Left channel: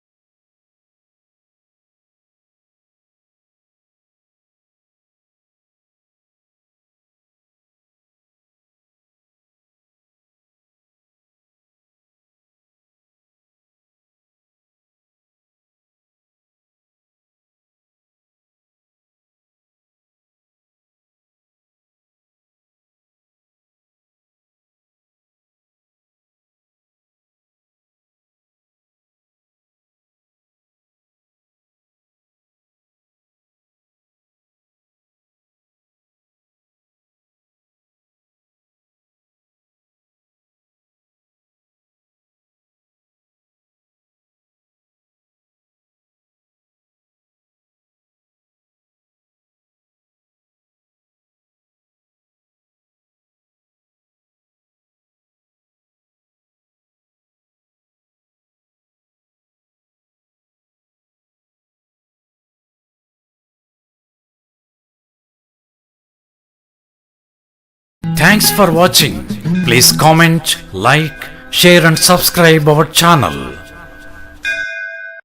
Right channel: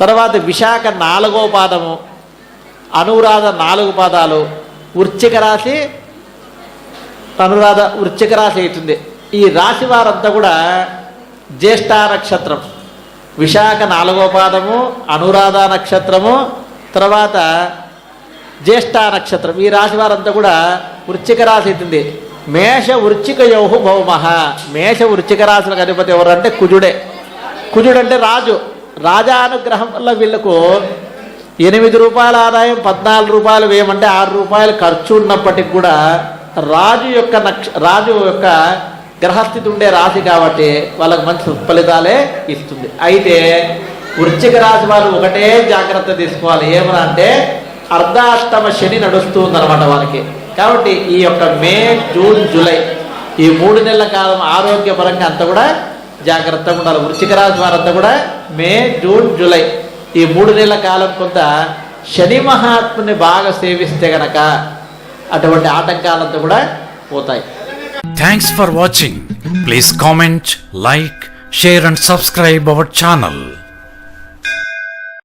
తర్వాత విశాఖ 4వ పాదము, అనురాధ 4 పాదాలు, వృశ్చిక రాశి అనురాధ వృశ్చిక రాశి అవుతుంది. ఈ రాశి వారంతా కూడా జ్యేష్ఠ నక్షత్రం, విశాఖ 4వ పాదము, అనురాధ నక్షత్రము, తర్వాత జ్యేష్ఠ నక్షత్రం. ఈ రాశి వారంతా కూడా వృశ్చిక రాశి అవుతుంది. మేష వృశ్చిక యోహు భౌమః. మేష వృశ్చిక రాశులకు అధిపతి ఎవరంటే కుజుడే. కుజుడు అంటే రాజు. రాజానుగ్రహం వల్ల వీళ్ళకు 8 రూపాయల ఆదాయం, 14 రూపాయలు వేయమంటే 6 రూపాయలు ఖర్చు ఉన్నప్పటికి కూడా రాజు యొక్క గ్రహస్థితి ఉండే రాశి కాబట్టి వాళ్ళకు మంచి ఫలితాలే ఇస్తుంది. అయితే వృశ్చిక రాశి వారు ఒకటే జాగ్రత్త తీసుకోవాలి. ఏమన్నా అంటే అర్ధాష్టమ శని నడుస్తూ ఉందన్నమాట వాళ్ళకి. కాబట్టి ఈ యొక్క మే, జూన్, జూలై ఈ 3 నెలల కాలం ఆరోగ్యపరంగా అంతా కూడా జాగ్రత్తగా ఉండాలి. వృశ్చిక రాశి వారంతా కూడా మే, జూన్, జూలై ఈ 3 నెలల కాలం కొంత శని మహాత్ముని బాగా సేవిస్తే గనక అటువంటి ఆటంకాలంతా కూడా పోతాయి. Thanks for watching. Please comment, like, share and subscribe our channel.